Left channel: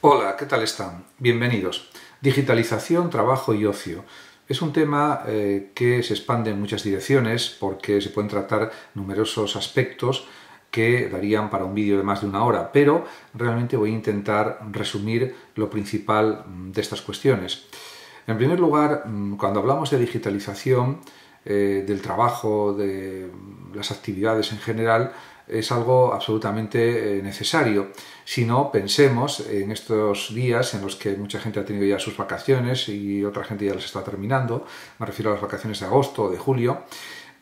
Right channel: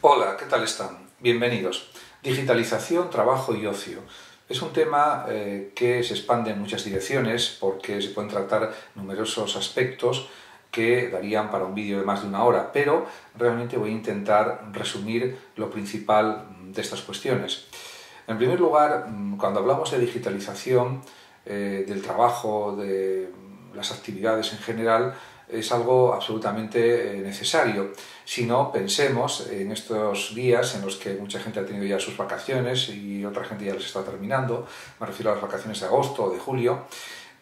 Hola, ¿qué tal están? Bienvenidos. Digitalización, trabajo y ocio. Es un tema que se expande en muchas direcciones porque se pueden tratar numerosos aspectos que darían para un vídeo de más de una hora, pero realmente voy a intentar resumir lo principal de estas cuestiones. En primer lugar, cuando hablamos de digitalización, del trabajo, de las actividades en general, es algo absolutamente necesario. Si no, pensemos en estos días en los que mucha gente ha tenido ya sus vacaciones y otra gente ya las está terminando, me refiero a las vacaciones de agosto o de julio,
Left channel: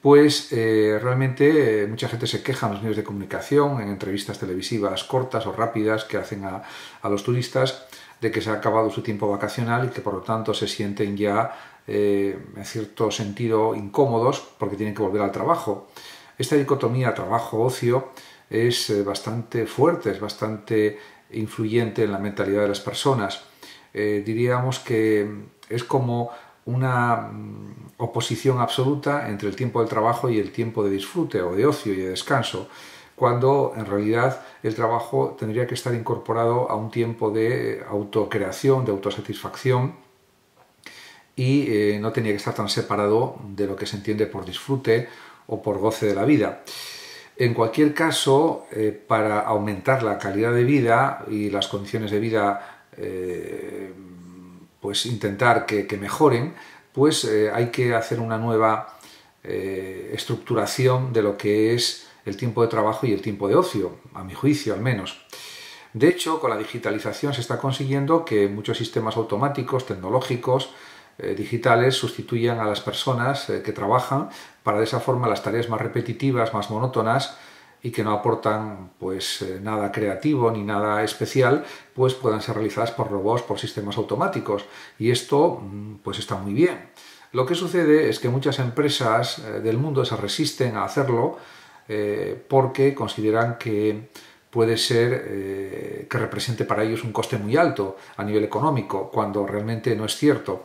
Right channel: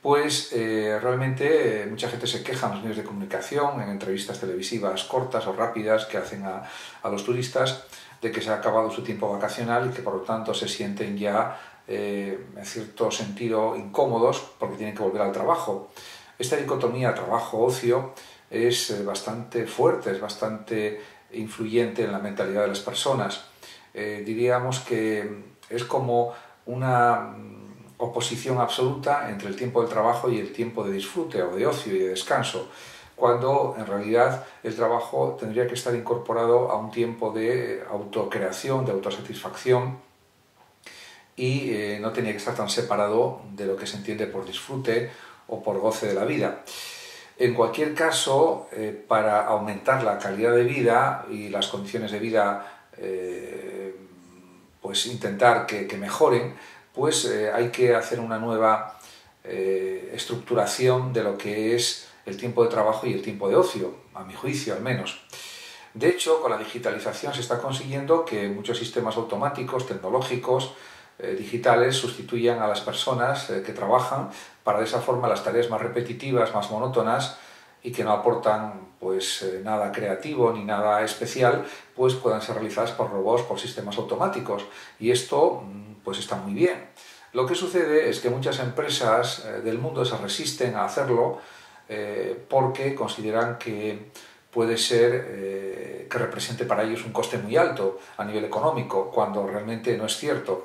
pues realmente mucha gente se queja en los medios de comunicación, en entrevistas televisivas cortas o rápidas que hacen a los turistas, de que se ha acabado su tiempo vacacional y que por lo tanto se sienten ya en cierto sentido incómodos porque tienen que volver al trabajo. Esta dicotomía trabajo-ocio es bastante fuerte, es bastante influyente en la mentalidad de las personas. Diríamos que es como una oposición absoluta entre el tiempo del trabajo y el tiempo de disfrute o de ocio y de descanso, cuando en realidad el trabajo tendría que estar incorporado a un tiempo de autocreación, de autosatisfacción, y no tenía que estar tan separado de lo que se entiende por disfrute o por goce de la vida. En cualquier caso, para aumentar la calidad de vida y las condiciones de vida, pues intentar que mejoren, pues hay que hacer una nueva estructuración de lo que es el tiempo de trabajo y el tiempo de ocio, a mi juicio al menos. De hecho, con la digitalización se está consiguiendo que muchos sistemas automáticos, tecnológicos, digitales sustituyan a las personas que trabajan para de esa forma las tareas más repetitivas, más monótonas y que no aportan pues nada creativo ni nada especial, pues puedan ser realizadas por robots, por sistemas automáticos, y esto pues está muy bien. Lo que sucede es que muchas empresas del mundo se resisten a hacerlo porque consideran que puede ser que represente para ellos un coste muy alto a nivel económico, cuando realmente no es cierto.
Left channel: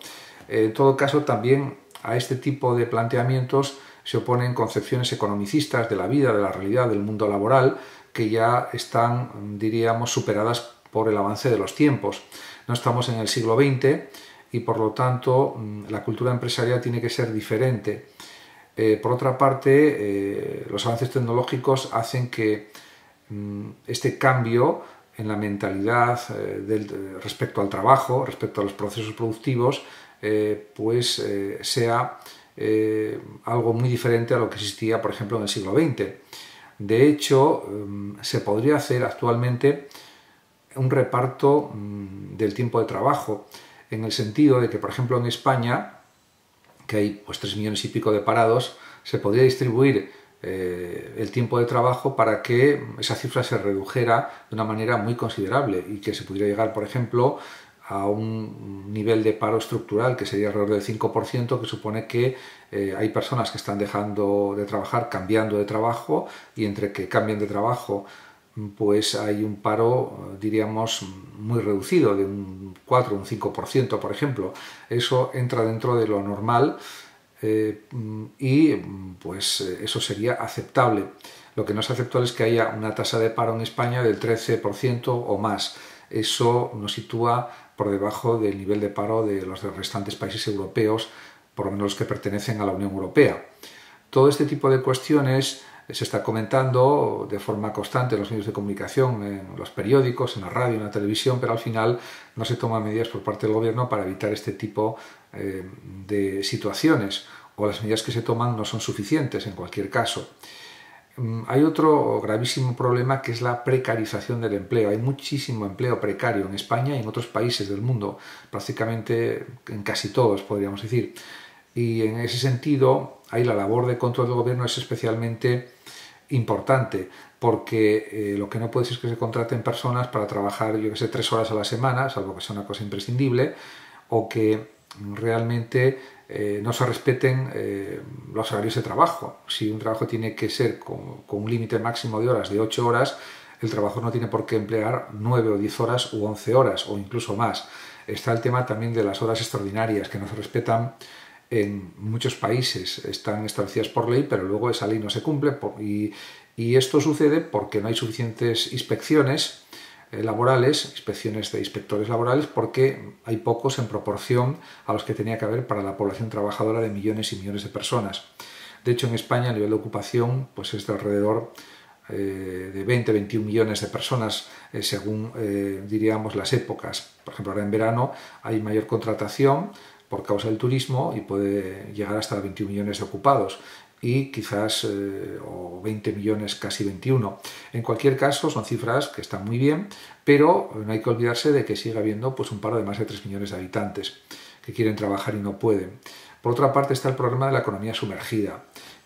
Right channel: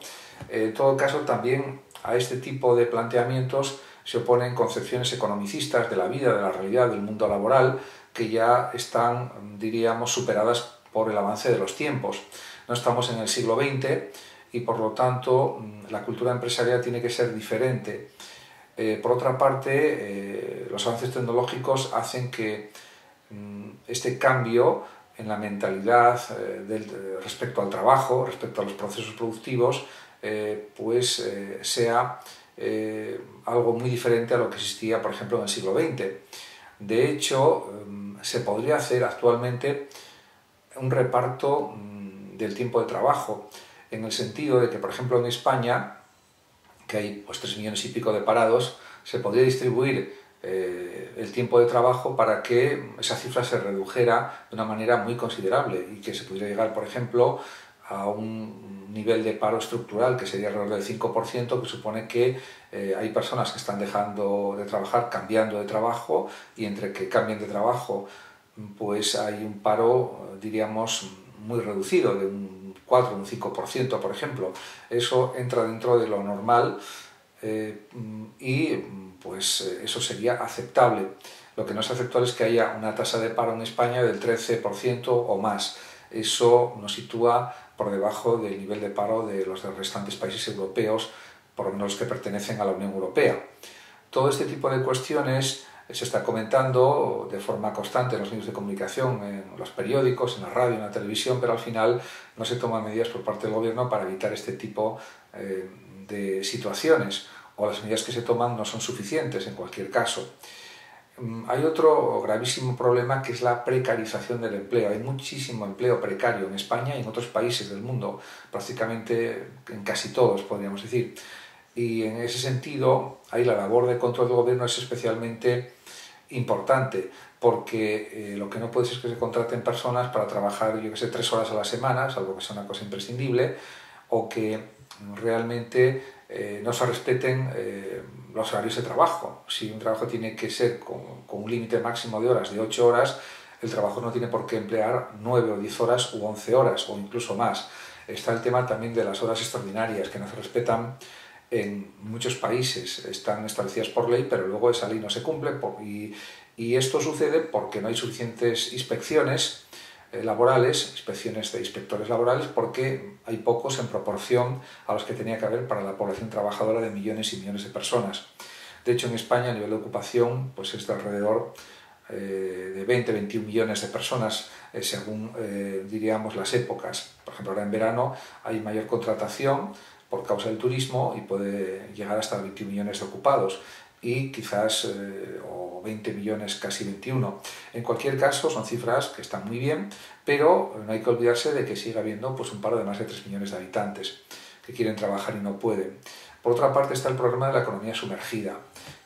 En todo caso, también a este tipo de planteamientos se oponen concepciones economicistas de la vida, de la realidad, del mundo laboral, que ya están, diríamos, superadas por el avance de los tiempos. No estamos en el siglo XX y, por lo tanto, la cultura empresarial tiene que ser diferente. Por otra parte, los avances tecnológicos hacen que este cambio en la mentalidad respecto al trabajo, respecto a los procesos productivos, sea algo muy diferente a lo que existía, por ejemplo, en el siglo XX. De hecho, se podría hacer actualmente un reparto del tiempo de trabajo, en el sentido de que, por ejemplo, en España, que hay pues 3 millones y pico de parados, se podría distribuir el tiempo de trabajo para que esa cifra se redujera de una manera muy considerable y que se pudiera llegar, por ejemplo, a un nivel de paro estructural que sería alrededor del 5%, que supone que hay personas que están dejando de trabajar, cambiando de trabajo, y entre que cambien de trabajo pues hay un paro, diríamos, muy reducido, de un 4 o un 5%, por ejemplo. Eso entra dentro de lo normal y pues eso sería aceptable. Lo que no es aceptable es que haya una tasa de paro en España del 13% o más. Eso nos sitúa por debajo del nivel de paro de los restantes países europeos, por lo menos los que pertenecen a la Unión Europea. Todo este tipo de cuestiones se está comentando de forma constante en los medios de comunicación, en los periódicos, en la radio, en la televisión, pero al final no se toman medidas por parte del gobierno para evitar este tipo de situaciones, o las medidas que se toman no son suficientes en cualquier caso. Hay otro gravísimo problema, que es la precarización del empleo. Hay muchísimo empleo precario en España y en otros países del mundo, prácticamente en casi todos, podríamos decir. Y en ese sentido, ahí la labor de control del gobierno es especialmente importante, porque lo que no puede ser es que se contraten personas para trabajar, yo que sé, 3 horas a la semana, salvo que sea una cosa imprescindible, o que realmente no se respeten los horarios de trabajo. Si un trabajo tiene que ser con un límite máximo de horas de 8 horas, el trabajo no tiene por qué emplear 9 o 10 horas u 11 horas o incluso más. Está el tema también de las horas extraordinarias, que no se respetan en muchos países, están establecidas por ley, pero luego esa ley no se cumple y esto sucede porque no hay suficientes inspecciones laborales, inspecciones de inspectores laborales, porque hay pocos en proporción a los que tenía que haber para la población trabajadora de millones y millones de personas. De hecho, en España, a nivel de ocupación, pues es de alrededor de 20-21 millones de personas, según diríamos las épocas. Por ejemplo, ahora en verano hay mayor contratación por causa del turismo y puede llegar hasta 21 millones de ocupados y quizás o 20 millones, casi 21. En cualquier caso, son cifras que están muy bien, pero no hay que olvidarse de que sigue habiendo pues, un paro de más de 3 millones de habitantes que quieren trabajar y no pueden. Por otra parte está el problema de la economía sumergida,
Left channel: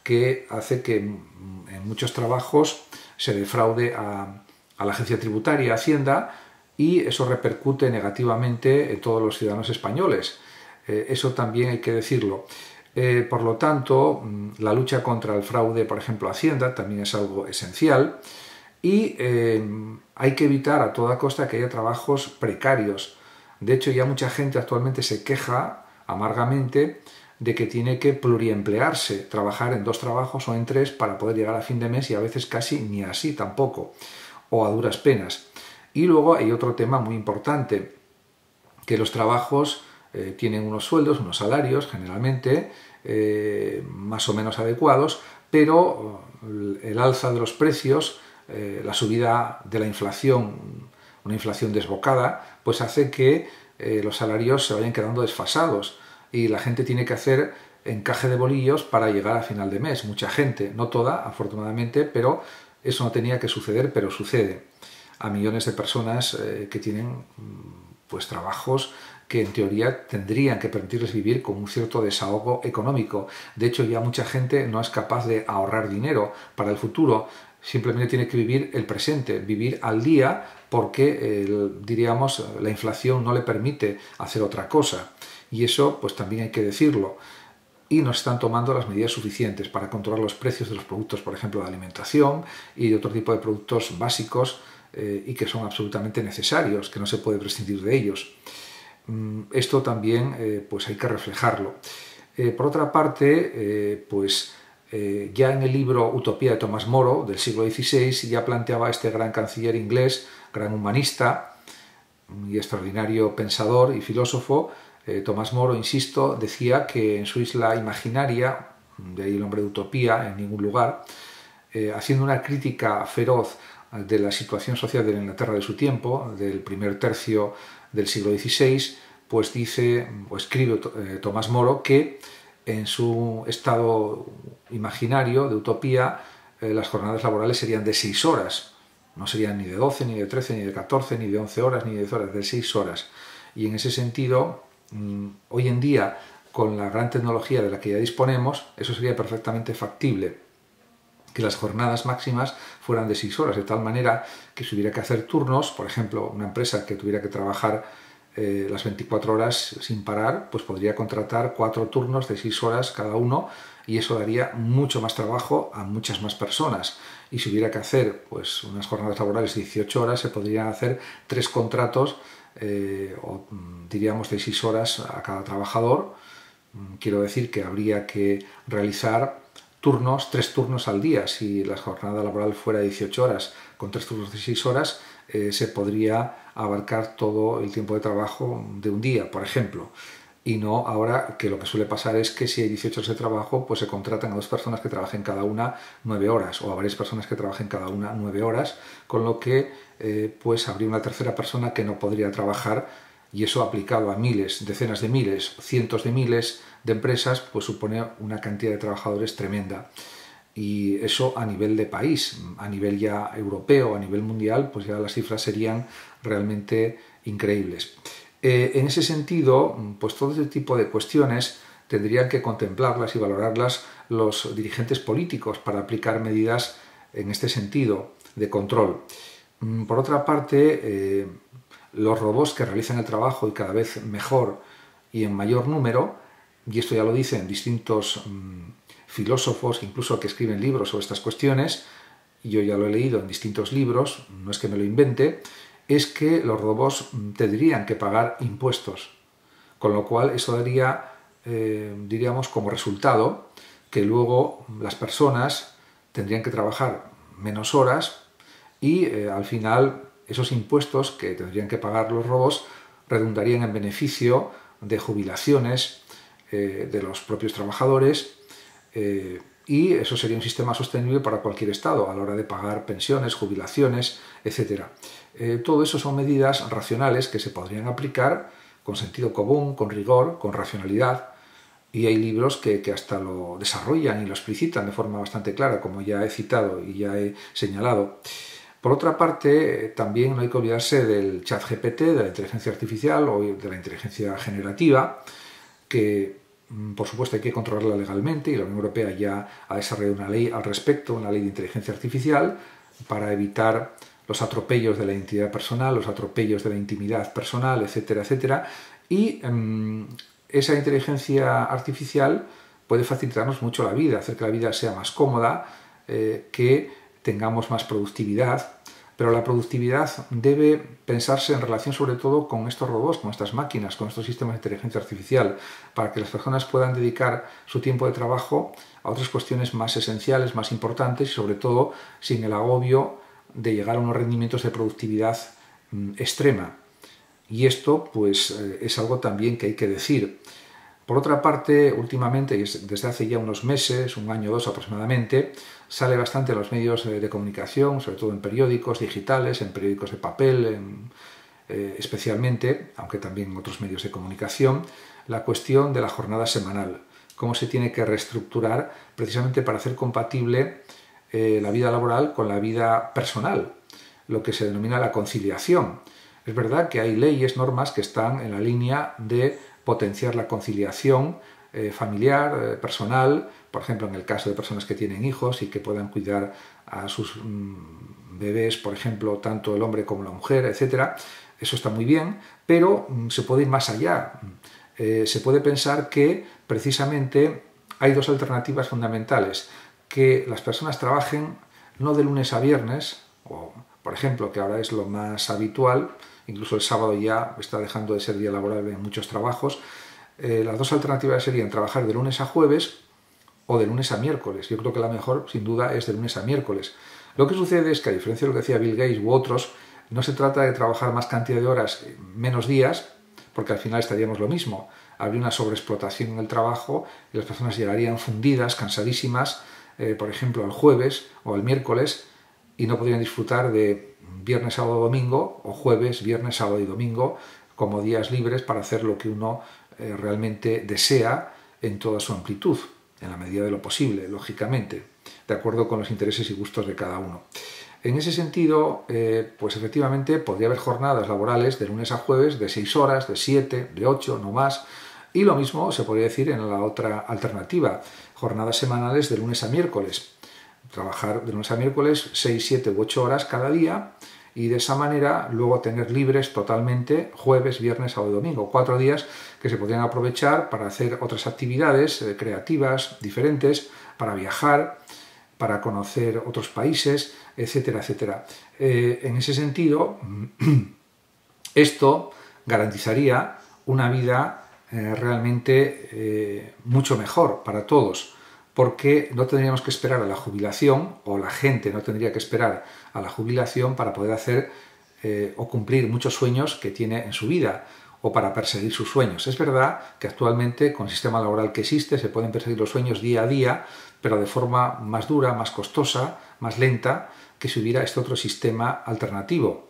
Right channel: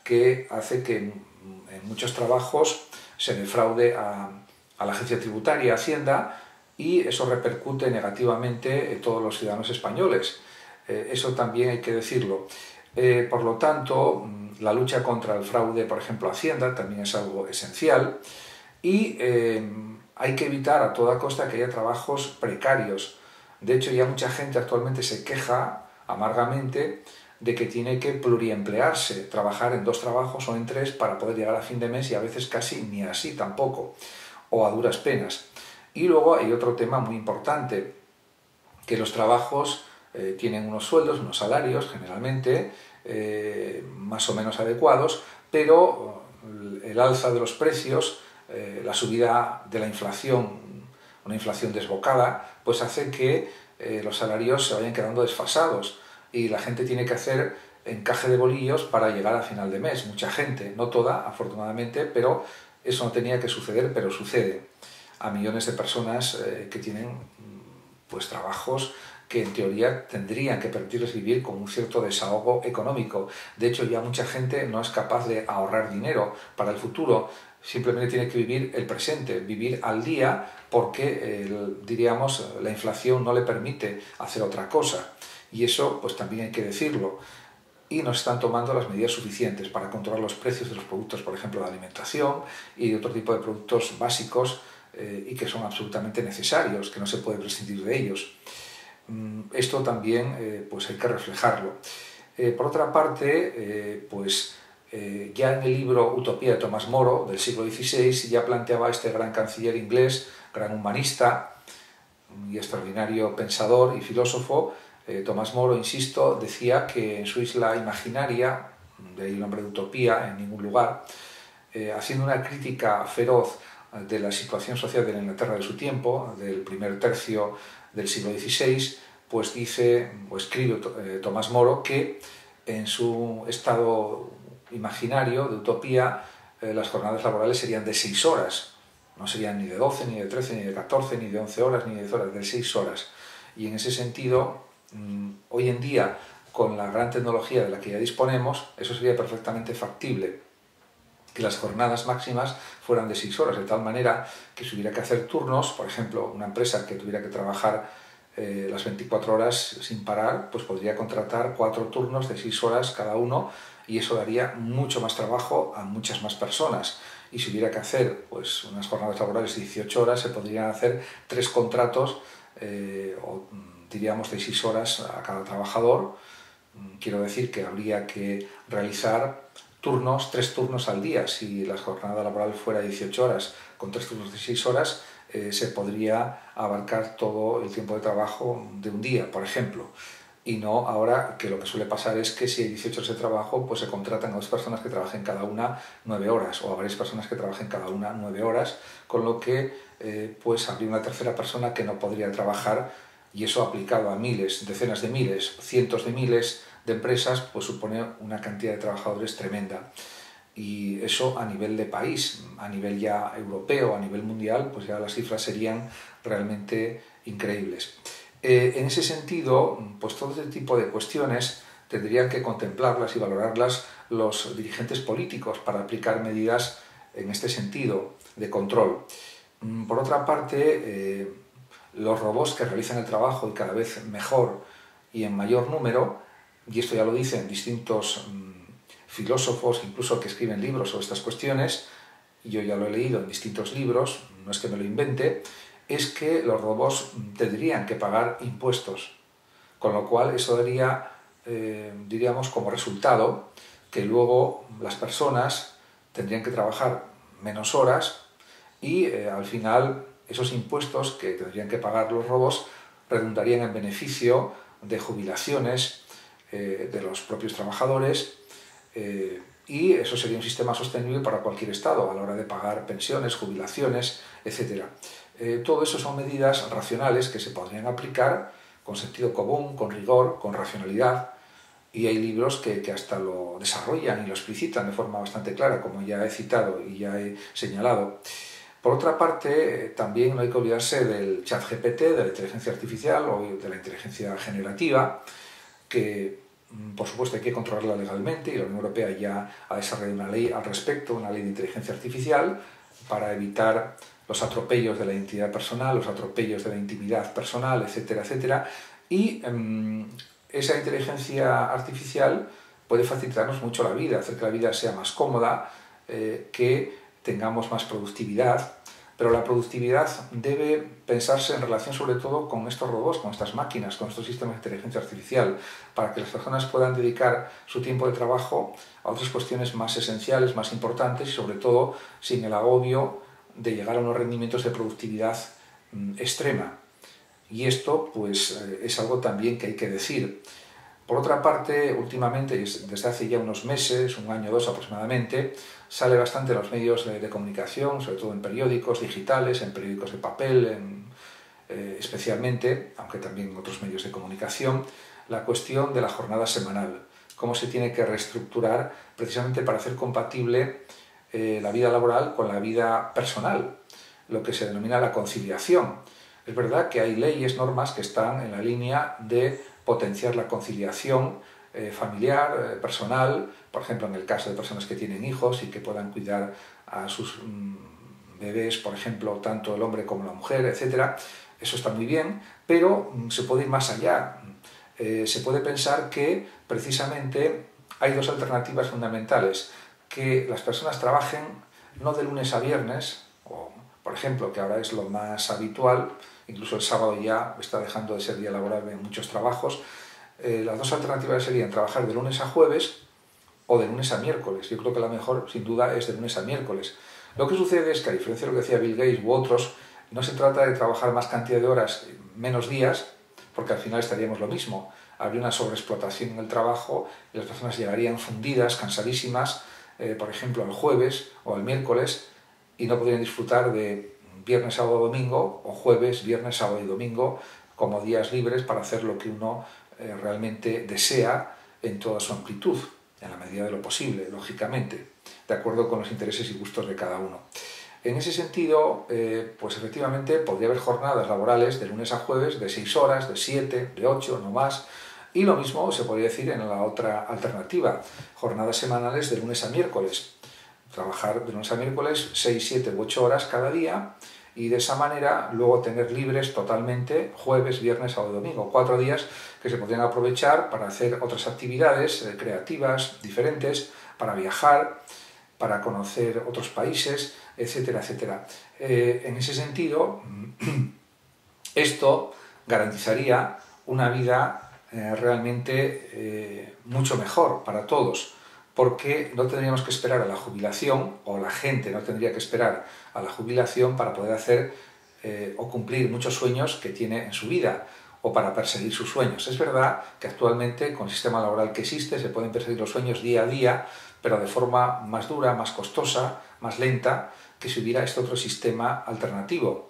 que hace que en muchos trabajos se defraude a la agencia tributaria, a Hacienda, y eso repercute negativamente en todos los ciudadanos españoles. Eso también hay que decirlo. Por lo tanto, la lucha contra el fraude, por ejemplo, a Hacienda, también es algo esencial y hay que evitar a toda costa que haya trabajos precarios. De hecho, ya mucha gente actualmente se queja amargamente de que tiene que pluriemplearse, trabajar en 2 trabajos o en 3 para poder llegar a fin de mes y a veces casi ni así tampoco, o a duras penas. Y luego hay otro tema muy importante, que los trabajos tienen unos sueldos, unos salarios generalmente más o menos adecuados, pero el alza de los precios, la subida de la inflación, una inflación desbocada, pues hace que los salarios se vayan quedando desfasados y la gente tiene que hacer encaje de bolillos para llegar a final de mes. Mucha gente, no toda, afortunadamente, pero eso no tenía que suceder, pero sucede a millones de personas que tienen pues trabajos que en teoría tendrían que permitirles vivir con un cierto desahogo económico. De hecho, ya mucha gente no es capaz de ahorrar dinero para el futuro, simplemente tiene que vivir el presente, vivir al día, porque diríamos la inflación no le permite hacer otra cosa. Y eso pues también hay que decirlo. Y no se están tomando las medidas suficientes para controlar los precios de los productos, por ejemplo, de alimentación y de otro tipo de productos básicos y que son absolutamente necesarios, que no se puede prescindir de ellos. Esto también pues hay que reflejarlo. Por otra parte, ya en el libro Utopía de Tomás Moro, del siglo XVI, ya planteaba este gran canciller inglés, gran humanista y extraordinario pensador y filósofo, Tomás Moro, insisto, decía que en su isla imaginaria, de ahí el nombre de utopía, en ningún lugar, haciendo una crítica feroz de la situación social de la Inglaterra de su tiempo, del primer tercio del siglo XVI, pues dice o escribe Tomás Moro que en su estado imaginario de utopía las jornadas laborales serían de 6 horas, no serían ni de 12, ni de 13, ni de 14, ni de 11 horas, ni de 10 horas, de 6 horas. Y en ese sentido, hoy en día, con la gran tecnología de la que ya disponemos, eso sería perfectamente factible, que las jornadas máximas fueran de 6 horas, de tal manera que si hubiera que hacer turnos, por ejemplo, una empresa que tuviera que trabajar las 24 horas sin parar, pues podría contratar 4 turnos de 6 horas cada uno y eso daría mucho más trabajo a muchas más personas. Y si hubiera que hacer pues, unas jornadas laborales de 18 horas, se podrían hacer 3 contratos o diríamos de 6 horas a cada trabajador. Quiero decir que habría que realizar 3 turnos al día. Si la jornada laboral fuera 18 horas con 3 turnos de 6 horas, se podría abarcar todo el tiempo de trabajo de un día, por ejemplo. Y no ahora que lo que suele pasar es que si hay 18 horas de trabajo, pues se contratan a 2 personas que trabajen cada una 9 horas o a varias personas que trabajen cada una 9 horas, con lo que pues habría una tercera persona que no podría trabajar y eso aplicado a miles, decenas de miles, cientos de miles de empresas, pues supone una cantidad de trabajadores tremenda. Y eso a nivel de país, a nivel ya europeo, a nivel mundial, pues ya las cifras serían realmente increíbles. En ese sentido, pues todo este tipo de cuestiones tendrían que contemplarlas y valorarlas los dirigentes políticos para aplicar medidas en este sentido de control. Por otra parte, los robots que realizan el trabajo y cada vez mejor y en mayor número, y esto ya lo dicen distintos filósofos, incluso que escriben libros sobre estas cuestiones, y yo ya lo he leído en distintos libros, no es que me lo invente, es que los robots tendrían que pagar impuestos, con lo cual eso daría, diríamos, como resultado que luego las personas tendrían que trabajar menos horas y al final esos impuestos que tendrían que pagar los robots redundarían en beneficio de jubilaciones de los propios trabajadores, y eso sería un sistema sostenible para cualquier Estado a la hora de pagar pensiones, jubilaciones, etc. Todo eso son medidas racionales que se podrían aplicar con sentido común, con rigor, con racionalidad, y hay libros que hasta lo desarrollan y lo explicitan de forma bastante clara, como ya he citado y ya he señalado. Por otra parte, también no hay que olvidarse del ChatGPT, de la inteligencia artificial o de la inteligencia generativa, que por supuesto hay que controlarla legalmente, y la Unión Europea ya ha desarrollado una ley al respecto, una ley de inteligencia artificial, para evitar los atropellos de la identidad personal, los atropellos de la intimidad personal, etcétera, etcétera. Y esa inteligencia artificial puede facilitarnos mucho la vida, hacer que la vida sea más cómoda, que tengamos más productividad, pero la productividad debe pensarse en relación sobre todo con estos robots, con estas máquinas, con estos sistemas de inteligencia artificial, para que las personas puedan dedicar su tiempo de trabajo a otras cuestiones más esenciales, más importantes, y sobre todo sin el agobio de llegar a unos rendimientos de productividad extrema. Y esto pues es algo también que hay que decir. Por otra parte, últimamente, desde hace ya unos meses, un año o dos aproximadamente, sale bastante en los medios de comunicación, sobre todo en periódicos digitales, en periódicos de papel, especialmente, aunque también en otros medios de comunicación, la cuestión de la jornada semanal, cómo se tiene que reestructurar precisamente para hacer compatible la vida laboral con la vida personal, lo que se denomina la conciliación. Es verdad que hay leyes, normas que están en la línea de potenciar la conciliación familiar, personal, por ejemplo, en el caso de personas que tienen hijos y que puedan cuidar a sus bebés, por ejemplo, tanto el hombre como la mujer, etc. Eso está muy bien, pero se puede ir más allá. Se puede pensar que precisamente hay dos alternativas fundamentales: que las personas trabajen no de lunes a viernes, o por ejemplo, que ahora es lo más habitual, incluso el sábado ya está dejando de ser día laborable en muchos trabajos. Las dos alternativas serían trabajar de lunes a jueves o de lunes a miércoles. Yo creo que la mejor, sin duda, es de lunes a miércoles. Lo que sucede es que, a diferencia de lo que decía Bill Gates u otros, no se trata de trabajar más cantidad de horas, menos días, porque al final estaríamos lo mismo. Habría una sobreexplotación en el trabajo y las personas llegarían fundidas, cansadísimas, por ejemplo, el jueves o el miércoles, y no podrían disfrutar de viernes, sábado, domingo, o jueves, viernes, sábado y domingo, como días libres para hacer lo que uno realmente desea en toda su amplitud, en la medida de lo posible, lógicamente, de acuerdo con los intereses y gustos de cada uno. En ese sentido, pues efectivamente podría haber jornadas laborales de lunes a jueves de 6 horas, de 7, de 8, no más, y lo mismo se podría decir en la otra alternativa, jornadas semanales de lunes a miércoles. Trabajar de lunes a miércoles 6, 7 u 8 horas cada día, y de esa manera luego tener libres totalmente jueves, viernes, sábado y domingo, 4 días que se podrían aprovechar para hacer otras actividades creativas, diferentes, para viajar, para conocer otros países, etcétera, etcétera. En ese sentido, esto garantizaría una vida realmente mucho mejor para todos, porque no tendríamos que esperar a la jubilación, o la gente no tendría que esperar a la jubilación para poder hacer o cumplir muchos sueños que tiene en su vida, o para perseguir sus sueños. Es verdad que actualmente, con el sistema laboral que existe, se pueden perseguir los sueños día a día, pero de forma más dura, más costosa, más lenta, que si hubiera este otro sistema alternativo:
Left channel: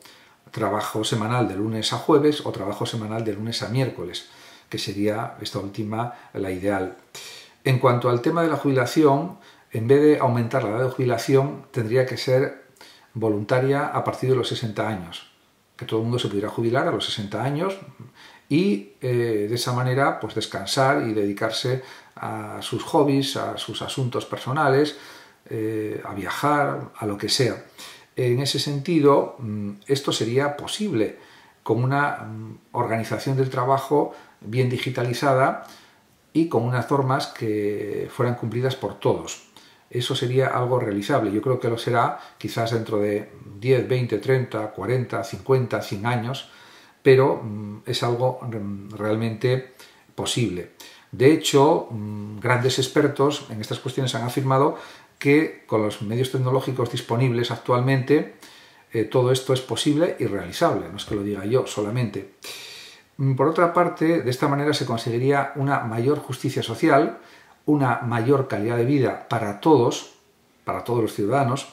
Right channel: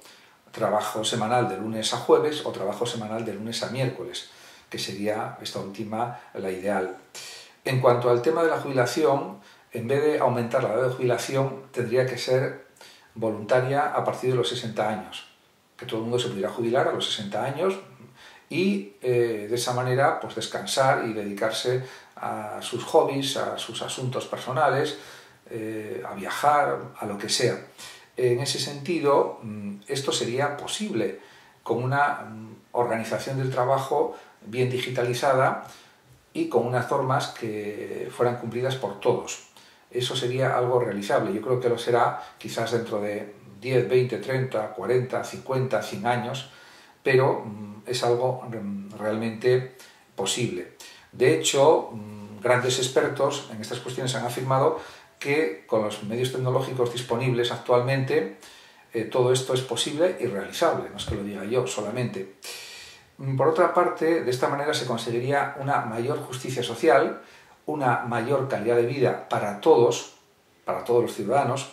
trabajo semanal de lunes a jueves o trabajo semanal de lunes a miércoles, que sería esta última la ideal. En cuanto al tema de la jubilación, en vez de aumentar la edad de jubilación, tendría que ser voluntaria a partir de los 60 años, que todo el mundo se pudiera jubilar a los 60 años y de esa manera pues descansar y dedicarse a sus hobbies, a sus asuntos personales, a viajar, a lo que sea. En ese sentido, esto sería posible con una organización del trabajo bien digitalizada y con unas normas que fueran cumplidas por todos. Eso sería algo realizable. Yo creo que lo será quizás dentro de 10, 20, 30, 40, 50, 100 años, pero es algo realmente posible. De hecho, grandes expertos en estas cuestiones han afirmado que con los medios tecnológicos disponibles actualmente todo esto es posible y realizable, no es que lo diga yo solamente. Por otra parte, de esta manera se conseguiría una mayor justicia social, una mayor calidad de vida para todos los ciudadanos,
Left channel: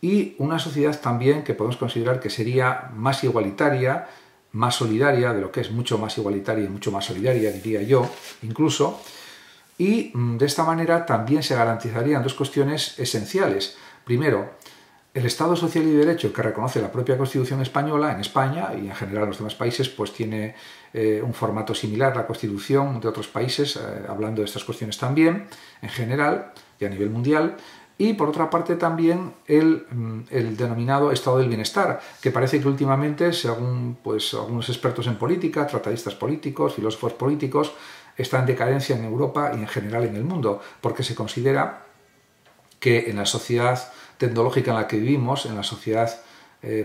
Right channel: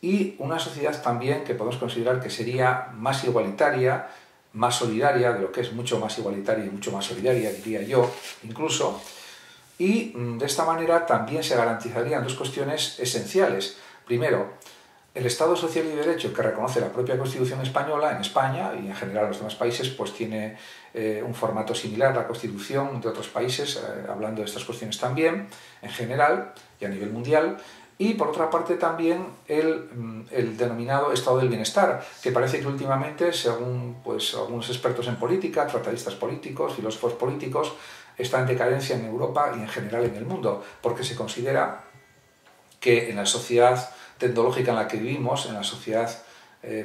y una sociedad también que podemos considerar que sería más igualitaria, más solidaria, de lo que es mucho más igualitaria y mucho más solidaria, diría yo, incluso, y de esta manera también se garantizarían dos cuestiones esenciales. Primero, el Estado social y de derecho que reconoce la propia Constitución española en España y en general en los demás países, pues tiene un formato similar a la Constitución de otros países, hablando de estas cuestiones también, en general y a nivel mundial. Y por otra parte también el denominado estado del bienestar, que parece que últimamente, según pues, algunos expertos en política, tratadistas políticos, filósofos políticos, está en decadencia en Europa y en general en el mundo, porque se considera que en la sociedad tecnológica en la que vivimos, en la sociedad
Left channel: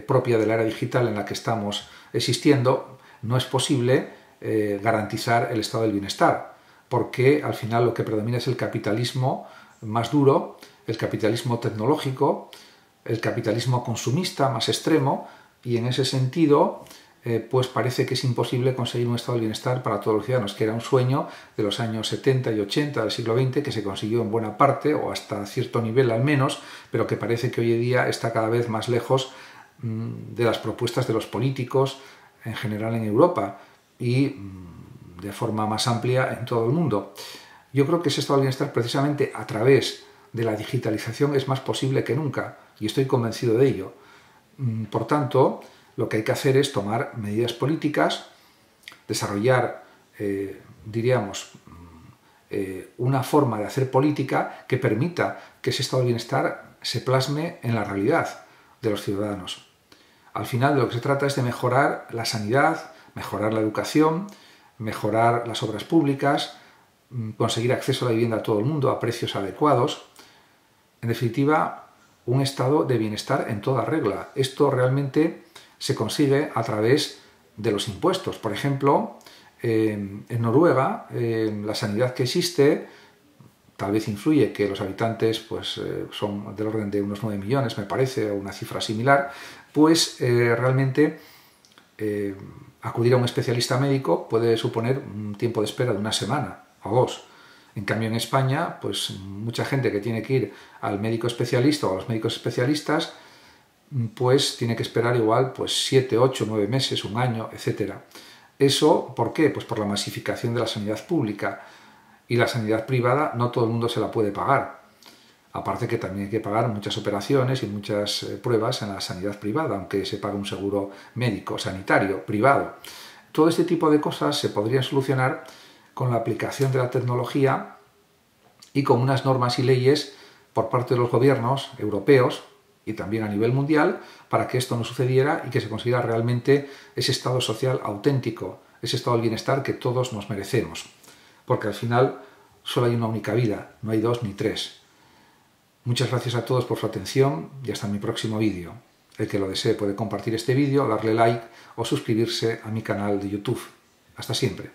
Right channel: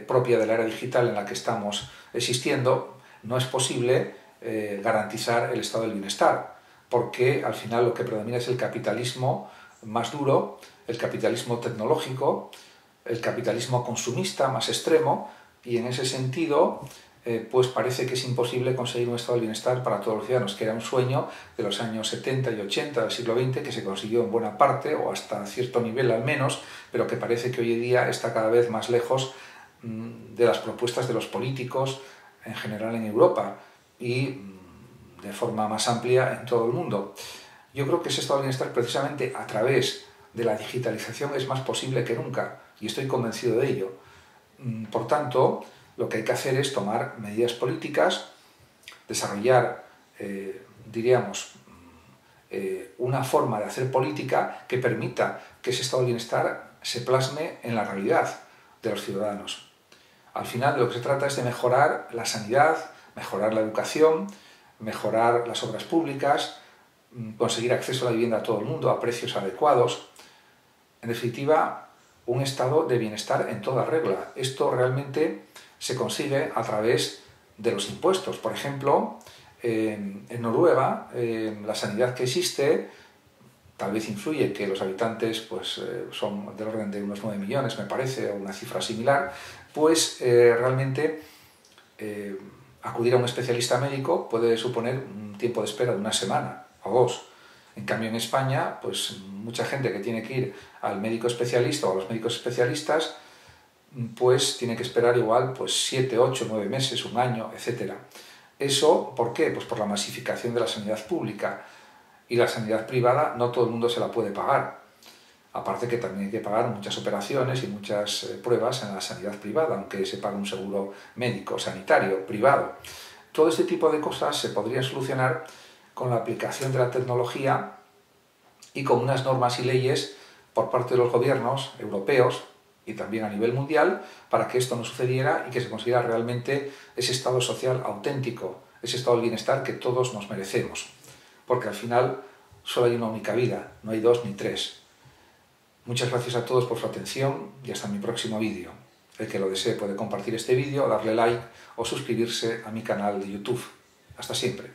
propia de la era digital en la que estamos existiendo, no es posible garantizar el estado del bienestar, porque al final lo que predomina es el capitalismo más duro, el capitalismo tecnológico, el capitalismo consumista más extremo, y en ese sentido pues parece que es imposible conseguir un estado de bienestar para todos los ciudadanos, que era un sueño de los años 70 y 80 del siglo XX que se consiguió en buena parte, o hasta cierto nivel al menos, pero que parece que hoy en día está cada vez más lejos de las propuestas de los políticos en general en Europa y de forma más amplia en todo el mundo. Yo creo que ese estado de bienestar precisamente a través de la digitalización es más posible que nunca, y estoy convencido de ello. Por tanto, lo que hay que hacer es tomar medidas políticas, desarrollar, diríamos, una forma de hacer política que permita que ese estado de bienestar se plasme en la realidad de los ciudadanos. Al final de lo que se trata es de mejorar la sanidad, mejorar la educación, mejorar las obras públicas, conseguir acceso a la vivienda a todo el mundo a precios adecuados. En definitiva, un estado de bienestar en toda regla. Esto realmente se consigue a través de los impuestos. Por ejemplo, en Noruega, la sanidad que existe, tal vez influye que los habitantes pues, son del orden de unos 9 millones, me parece, o una cifra similar, pues realmente acudir a un especialista médico puede suponer un tiempo de espera de una semana o dos. En cambio, en España, pues mucha gente que tiene que ir al médico especialista o a los médicos especialistas, pues tiene que esperar igual pues 7, 8, 9 meses, un año, etc. ¿Eso por qué? Pues por la masificación de la sanidad pública, y la sanidad privada no todo el mundo se la puede pagar. Aparte que también hay que pagar muchas operaciones y muchas pruebas en la sanidad privada, aunque se pague un seguro médico, sanitario, privado. Todo este tipo de cosas se podrían solucionar con la aplicación de la tecnología y con unas normas y leyes por parte de los gobiernos europeos y también a nivel mundial para que esto no sucediera y que se consiguiera realmente ese estado social auténtico, ese estado de bienestar que todos nos merecemos. Porque al final solo hay una única vida, no hay dos ni tres. Muchas gracias a todos por su atención y hasta mi próximo vídeo. El que lo desee puede compartir este vídeo, darle like o suscribirse a mi canal de YouTube. Hasta siempre.